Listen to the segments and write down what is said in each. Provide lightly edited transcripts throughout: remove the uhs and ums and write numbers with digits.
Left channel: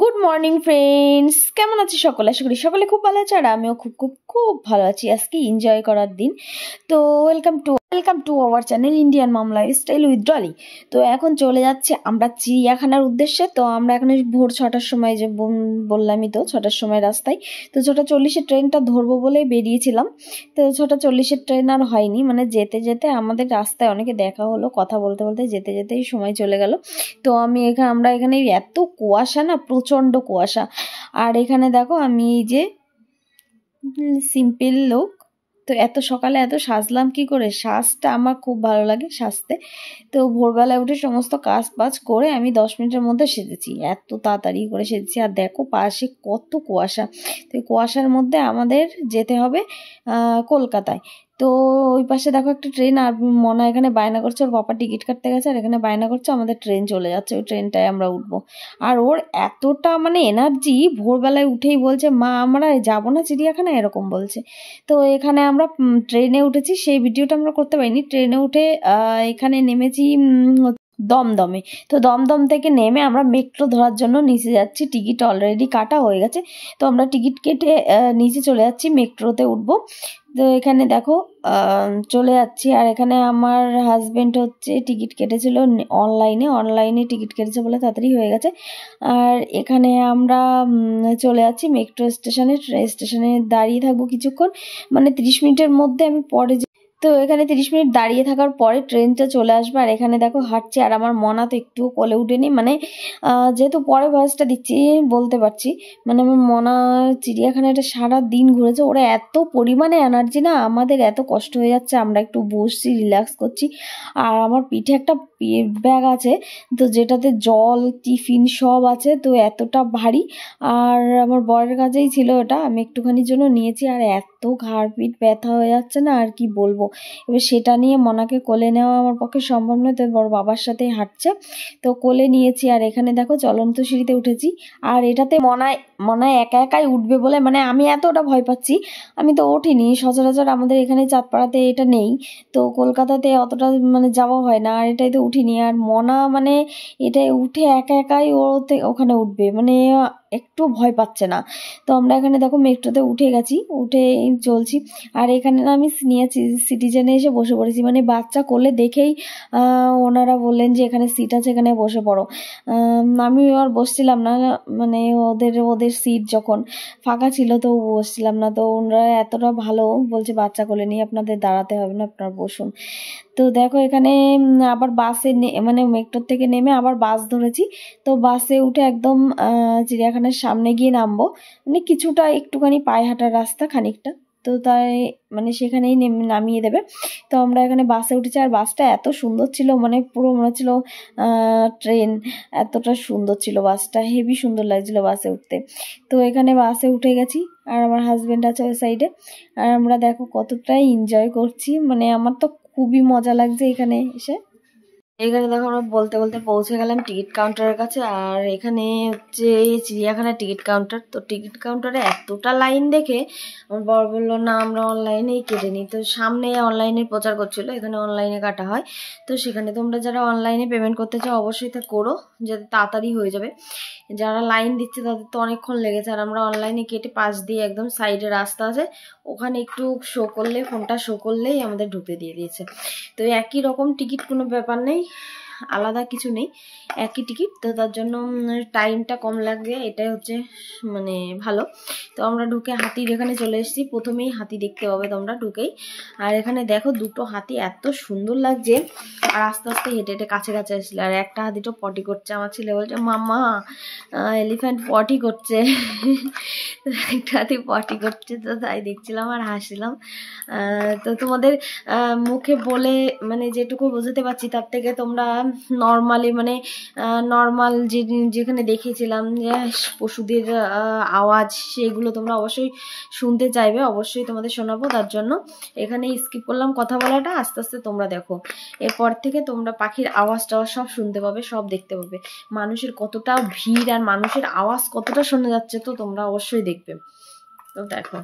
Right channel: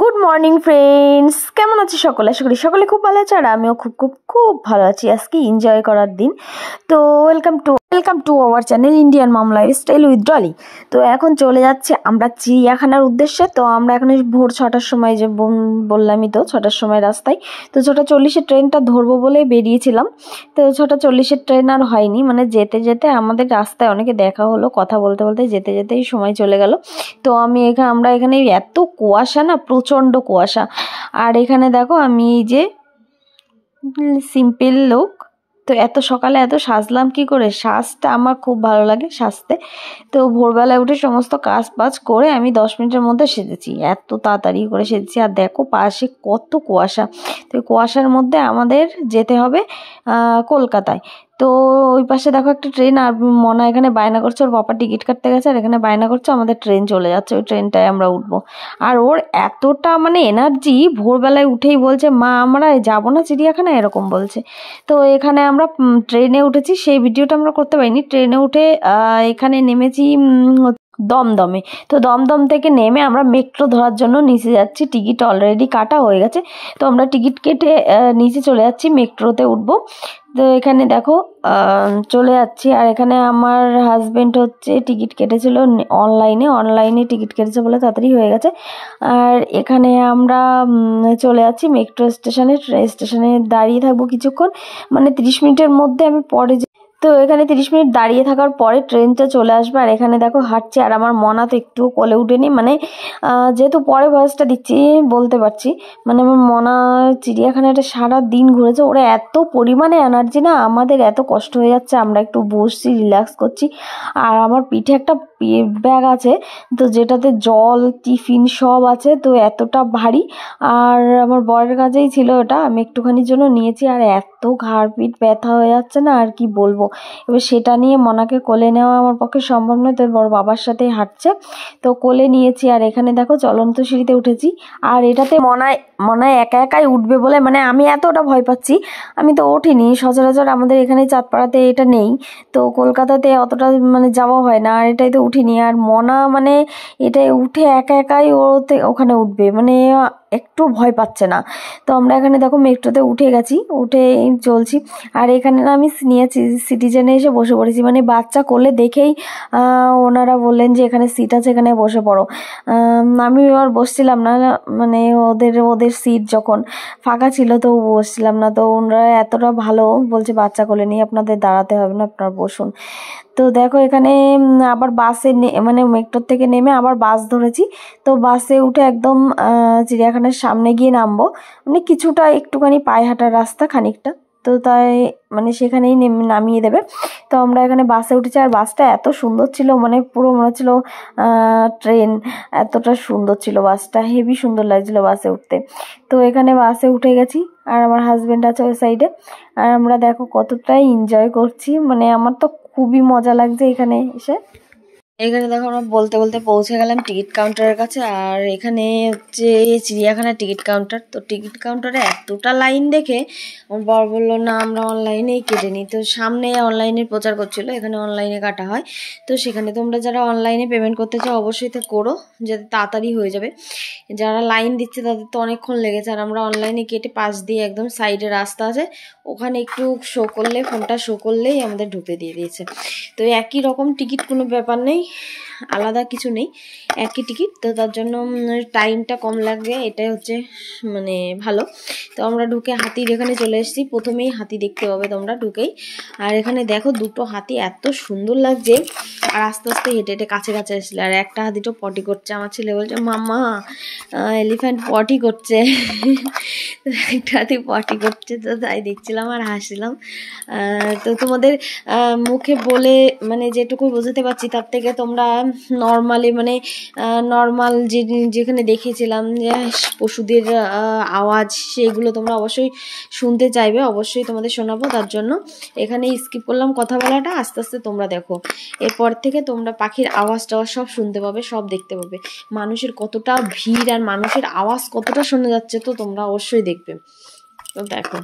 Good morning friends, কেমন আছি সকলে? আশা করি সকলে খুব ভালো আছে আর আমিও খুব খুব খুব ভালো আছি। আজকে এনজয় করার দিন। তো welcome to our channel Indian mom lifestyle with Dolly. তো এখন চলে যাচ্ছে আমরা চিড়িয়াখানার উদ্দেশ্যে। তো আমরা এখন ভোর 6টার সময় যে বললামই তো 6টার সময় রাস্তায়। তো 6:40-এর ট্রেনটা ধরবো বলে বেরিয়েছিলাম। তো 6:40-এর ট্রেন আর হয়নি, মানে যেতে যেতে আমাদের রাস্তায় অনেকে দেখা হলো, কথা বলতে বলতে যেতে যেতেই সময় চলে গেল। তো আমরা এখানে এত কুয়াশা না, প্রচণ্ড কুয়াশা। আর এখানে দেখো আমি যে সিম্পল লোক, তো এত সকালে এত সাজলাম কি করে? সাজটা আমার খুব ভালো লাগে সাজতে। তো ভোরবেলায় উঠে সমস্ত কাজ বাজ করে আমি 10 মিনিটের মধ্যে সেজেছি, এত তাড়াতাড়ি করে সেজেছি। আর দেখো পাশে কত কুয়াশা। তো কুয়াশার মধ্যে আমাদের যেতে হবে কলকাতায়। তো ওই পাশে দেখো একটা ট্রেন, আর মনা এখানে বায়না করছে, ওর বাবা টিকিট কাটতে গেছে আর এখানে বায়না করছে আমাদের ট্রেন চলে যাচ্ছে, ওই ট্রেনটায় আমরা উঠবো। আর ওর এতটা মানে এনার্জি, ভোরবেলায় উঠেই বলছে মা আমরা যাবো না চিড়িয়াখানা, এরকম বলছে। তো এখানে আমরা ট্রেনে উঠেছি, সেই ভিডিওটা আমরা করতে পারিনি। ট্রেনে উঠে এখানে নেমেছি দমদমে। তো দমদম থেকে নেমে আমরা মেট্রো ধরার জন্য নিচে যাচ্ছি, টিকিট অলরেডি কাটা হয়ে গেছে। তো আমরা টিকিট কেটে নিচে চলে যাচ্ছি, মেট্রোতে উঠবো। তো এখানে দেখো চলে যাচ্ছি। আর এখানে আমার হাজবেন্ড হচ্ছে টিকিট কেটেছিল অনলাইনে টিকিট কেটেছে বলে তাড়াতাড়ি হয়ে গেছে। আর এখানে আমরা চলে যাচ্ছি মেট্রো স্টেশনে দাঁড়িয়ে থাকবো কিছুক্ষণ, মানে 30 মিনিটের মধ্যে আমি পরে। তো এখানে 30 মিনিট দাঁড়িয়ে থাকার পরে ট্রেনটা চলে আসবে। আর এখানে দেখো হাঁটছে, আর আমার মনা তো একটু কোলে উঠেনি, মানে যেহেতু পরে ভয়েসটা দিচ্ছি বলতে পারছি, মানে আমার মনা চিড়িয়াখানাটা সারা দিন ঘুরেছে, ওরা এত পরিমাণে এনার্জি না, আমাদের এত কষ্ট হয়ে যাচ্ছে, আমরা একটু বসছি রিল্যাক্স করছি। আর আমার পিঠে একটা ব্যাগ আছে, তো যেটাতে জল টিফিন সব আছে, তো এতটা ভারী। আর আমার বরের কাছেই ছিল ওটা, আমি একটুখানির জন্য নিয়েছি। আর এত ঘাড় পিঠ ব্যথা হয়ে যাচ্ছে না, আর কি বলবো। এবার সেটা নিয়ে মনাকে কোলে নেওয়া আমার পক্ষে সম্ভব নয়, তো বড় বাবার সাথেই হাঁটছে, তো কোলে নিয়েছি। আর এখানে দেখো চলন্ত সিঁড়িতে উঠেছি। আর এটাতে মনায় একা একাই উঠবে বলে, মানে আমি এতটা ভয় পাচ্ছি, আমি তো ওঠিনি। সচরাচর আমাদের এখানে চাঁদপাড়াতে এটা নেই, তো কলকাতাতে অতটা মানে যাওয়া হয় না, আর এটাই তো উঠিনি। আর মনা মানে এটাই উঠে একা একাই ওখানে উঠবে, মানে একটু ভয় পাচ্ছে না। তো আমরা এখানে দেখো মেট্রোতে উঠে গেছি, উঠে চলছি। আর এখানে না আমি সিনিয়র সিটিজেনে এসে বসে পড়েছি, মানে বাচ্চা কোলে দেখেই ওনারা বললেন যে এখানে সিট আছে, এখানে বসে পড়ো। আমি আর বসছিলাম না, মানে ওদের সিট যখন ফাঁকা ছিল তো বসছিলাম না। তো ওনারা এতটা ভালো বলছে বাচ্চা কোলে নিয়ে আপনাদের দাঁড়াতে হবে না, আপনারা বসুন। তো দেখো এখানে আবার বাসে মানে মেট্রোর থেকে নেমে আবার বাস ধরেছি। তো বাসে উঠে একদম চিড়িয়াখানার সামনে গিয়ে নামবো, মানে কিছুটা একটুখানি পায়ে হাঁটার রাস্তা খানিকটা, তো তাই মানে সেখানেই নামিয়ে দেবে। তো আমরা এখানে বাসে উঠেছি, আর বাসটা এত সুন্দর ছিল, মানে পুরো মনে হচ্ছিল ট্রেন, এতটা সুন্দর ছিল বাসটা, হেভি সুন্দর লাগছিল বাসে উঠতে। তো এখানে বাসে উঠে গেছি, আর আমার হাজবেন্ড আছে ওই সাইডে। আর আমরা দেখো কতটাই এনজয় করছি, মানে আমার তো খুবই মজা লাগছে এখানে এসে। এখানে দেখো আমরা বলতে বলতে পৌঁছে গেলাম টিকিট কাউন্টারের কাছে। আর এখানে হচ্ছে চিড়িয়াখানার টিকিট কাউন্টার। তো টিকিট কাউন্টারে এতটা লাইন দেখে আমার বর বললো না আমরা অনলাইনেই কেটে নিই। তো সামনে অনলাইনের প্রচার করছিল, এখানে অনলাইনে কাটা হয়। তো সেখানে তোমরা যারা অনলাইনে পেমেন্ট করতে চাও অবশ্যই তা করো, যাতে তাড়াতাড়ি হয়ে যাবে। যারা লাইন দিচ্ছে তাদের তো অনেকক্ষণ লেগেছে। আর আমরা অনলাইনে কেটে পাশ দিয়ে একদম সাইডে রাস্তা আছে, ওখানে একটু ফোনটা শো করলেই আমাদের ঢুকতে দিয়ে দিয়েছে। তো একই রকম টিকিট, কোনো ব্যাপার নেই, আলাদা কিছু নেই, একই টিকিট। তো তার জন্য টাইমটা কম লাগবে, এটাই হচ্ছে মানে ভালো। তো আমরা ঢুকে হাতির এখানে চলে এসেছি, প্রথমেই হাতি দেখতে পাবে তোমরা ঢুকেই। আর এখানে দেখো দুটো হাতি এত সুন্দর লাগছে। আর আস্তে আস্তে হেঁটে হেঁটে কাছে কাছে আসলে, আর একটা হাতি তো পটি করছে, আমার ছেলে বলছে মামা এলিফ্যান্ট পটি করছে। একটা হাতি পটি করছে, তো তাই দেখছিলাম আর হাসছিলাম। তো তোমাদের মুখে বলে মানে যেটুকু বোঝাতে পারছি, তার থেকে তোমরা নর্মালি মানে নর্মাল যেখানে দেখেছিলাম যে পশুদের আওয়াজ, সেগুলো তোমরা অবশ্যই শুনতে চাইবে, অবশ্যই তোমাদের শোনাবো। তার জন্য এখানে স্কিপ করলাম কথা বলাটা, আস্তে আস্তে তোমরা দেখো। এরপর থেকে তোমরা পাখির আওয়াজ টাওয়াজ সব শুনতে পাবে, সব দেখতে পাবে, মানুষের কতটা ভিড় আর মানুষের আওয়াজ কতটা শোনা যাচ্ছে, তো তোমরা অবশ্যই দেখবে। তো দেখো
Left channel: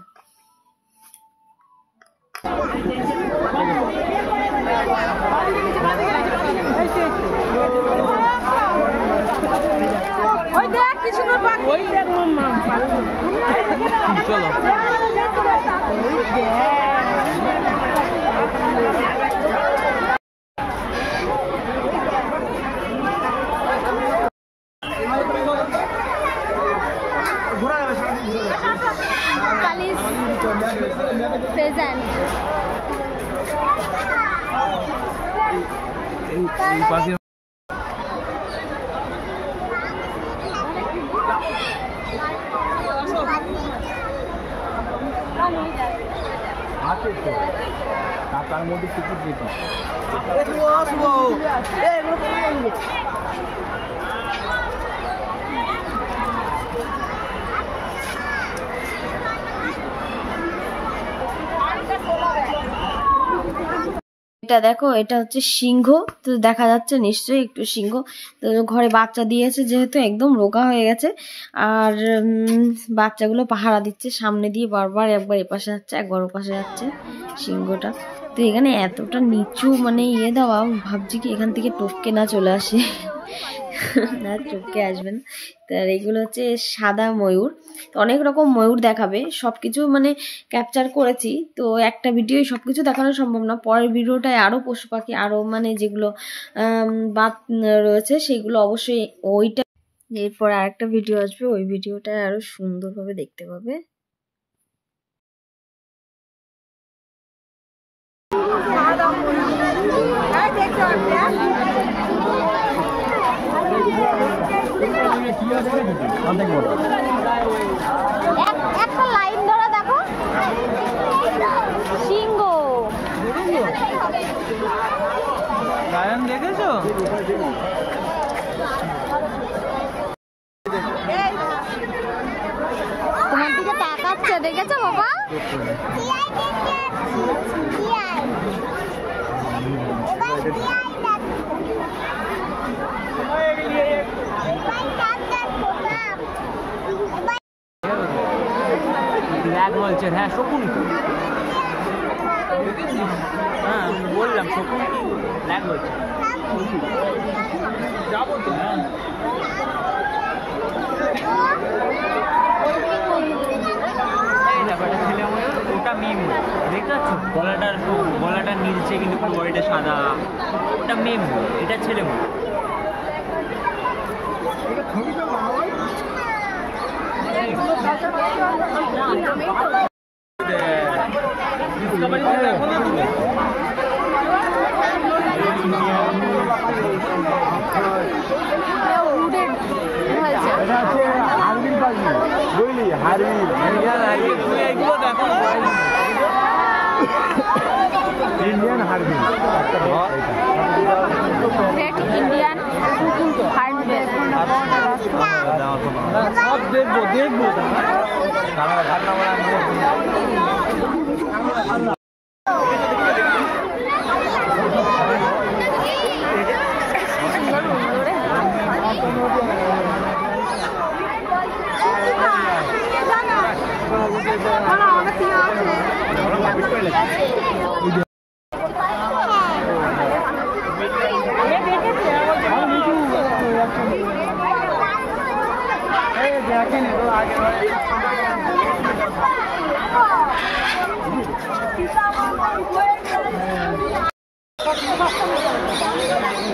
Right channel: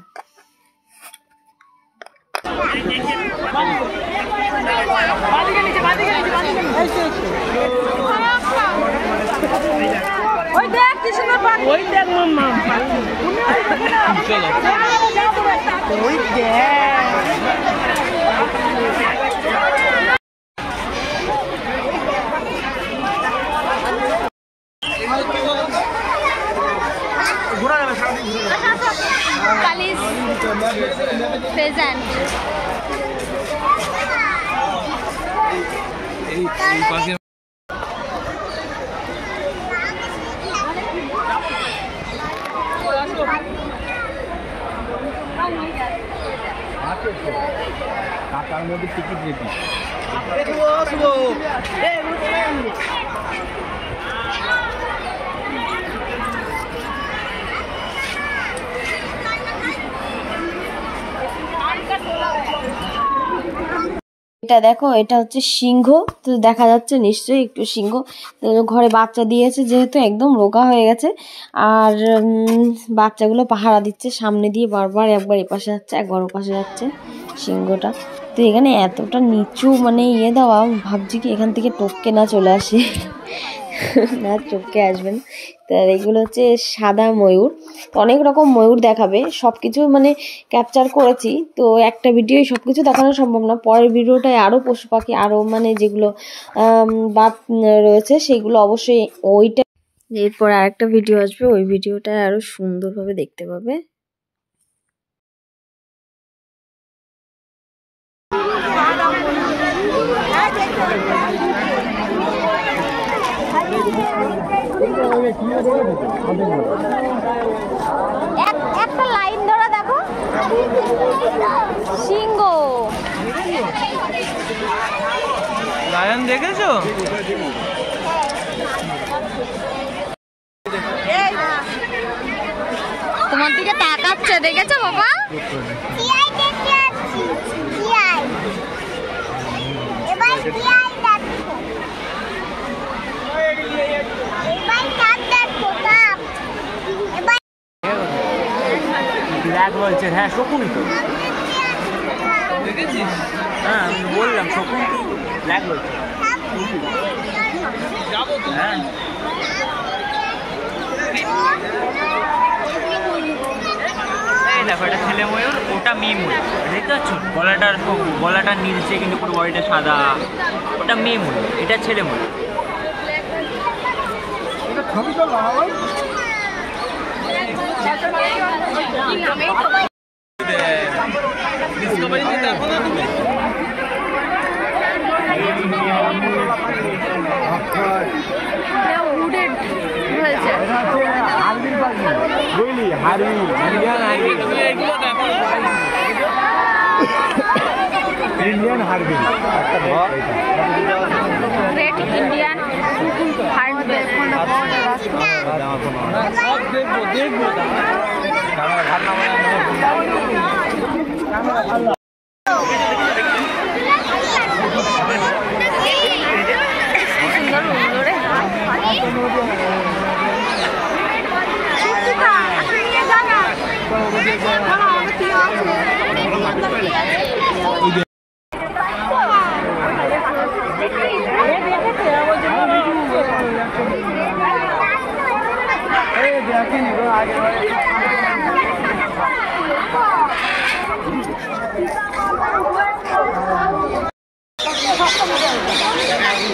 চলো Kali's present. টাকার মধ্যে টিকিট রেখি এটা দেখো, এটা হচ্ছে সিংহ। তো দেখা যাচ্ছে নিশ্চয়ই একটু সিংহ। তো ঘরে বাচ্চা দিয়েছে যেহেতু একদম রোগা হয়ে গেছে, আর বাচ্চাগুলো পাহারা দিচ্ছে সামনে দিয়ে, বারবার একবার এপাশে যাচ্ছে একবার ওপাশে যাচ্ছে সিংহটা। তো এখানে এতটা নিচু মানে দেওয়া, ভাবছি কি এখান থেকে টপকে না চলে আসে। না, টপকে আসবেন। তো এগুলো হচ্ছে সাদা ময়ূর। তো অনেক রকম ময়ূর দেখাবে, সব কিছু মানে ক্যাপচার করেছি। তো একটা ভিডিওই সব কিছু দেখানো সম্ভব না, পরের ভিডিওটায় আরও পশু পাখি আরও মানে যেগুলো বাদ রয়েছে সেগুলো অবশ্যই ওইটা, এরপর আরেকটা ভিডিও আসবে, ওই ভিডিওটা আরও সুন্দরভাবে দেখতে পাবে। একটা লাইন ধরে দেখো, সিংহ। লায়ন দেখেছো? তোমার দিকে তাকাচ্ছে, দেখেছো বাবা? বলছে হ্যাঁ শকুন তো দেখেছিস? হ্যাঁ বললাম শকুন কি ব্ল্যাক বলছে, যাবো তো। হ্যাঁ এই দেখো, এটা ছেলে ময়ূর, ওটা মেয়ে ময়ূর, দেখতে পাচ্ছ? গলাটা নীলচে কিন্তু পুরো বডিটা সাদা, ওটা মেয়ে ময়ূর, এটা ছেলে ময়ূর। উডেড হয়েছে। Indian hornbill, great Indian hornbill. দেখবো ক্যামেরা ভালো না মানে সুন্দর উড়লো রে।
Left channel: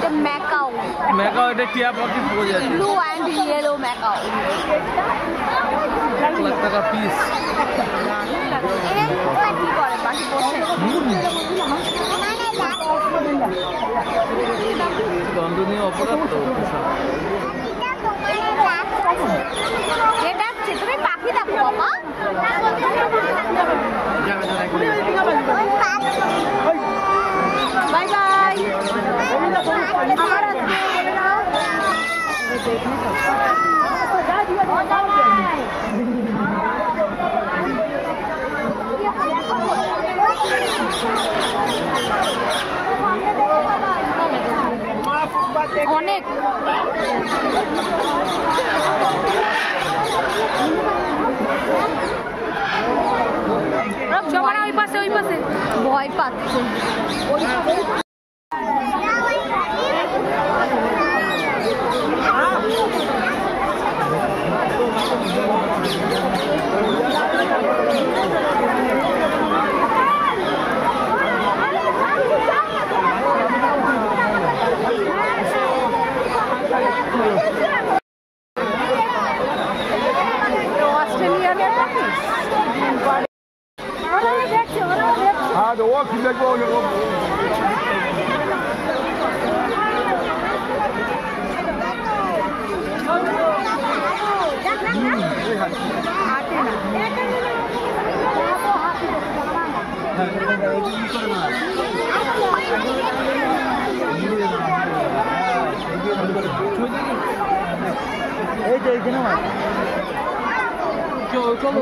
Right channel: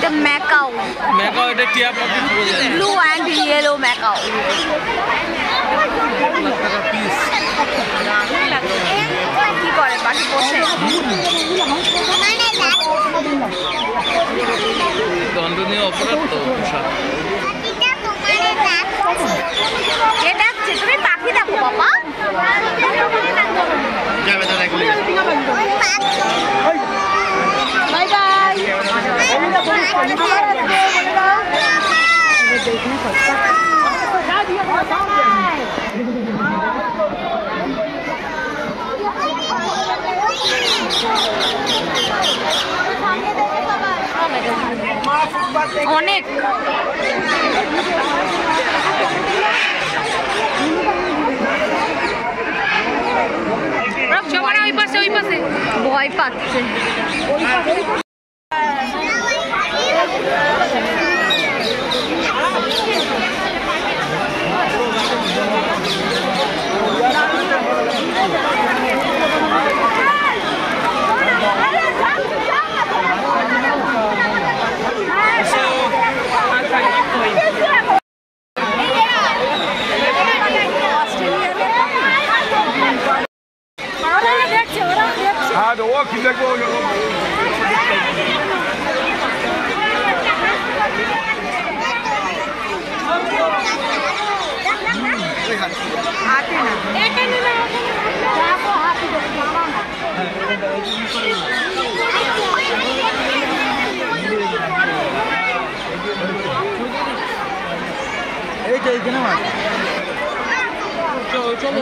The Macau. Macau এটা টিয়া পাখি পুরো যায়। Blue and yellow Macau. টাকা পিস। দারুণ লাগে। কি করে পাখি পোষে? দণ্ডনীয় অপরাধ তো পোশাক। কে ডাকছে? তুমি পাখি দেখো বাবা। Bye bye. অনেক ভয় পাচ্ছে। হ্যাঁ ও কি দেখবো হাতে না এই তো এইখানে মাছ চল চল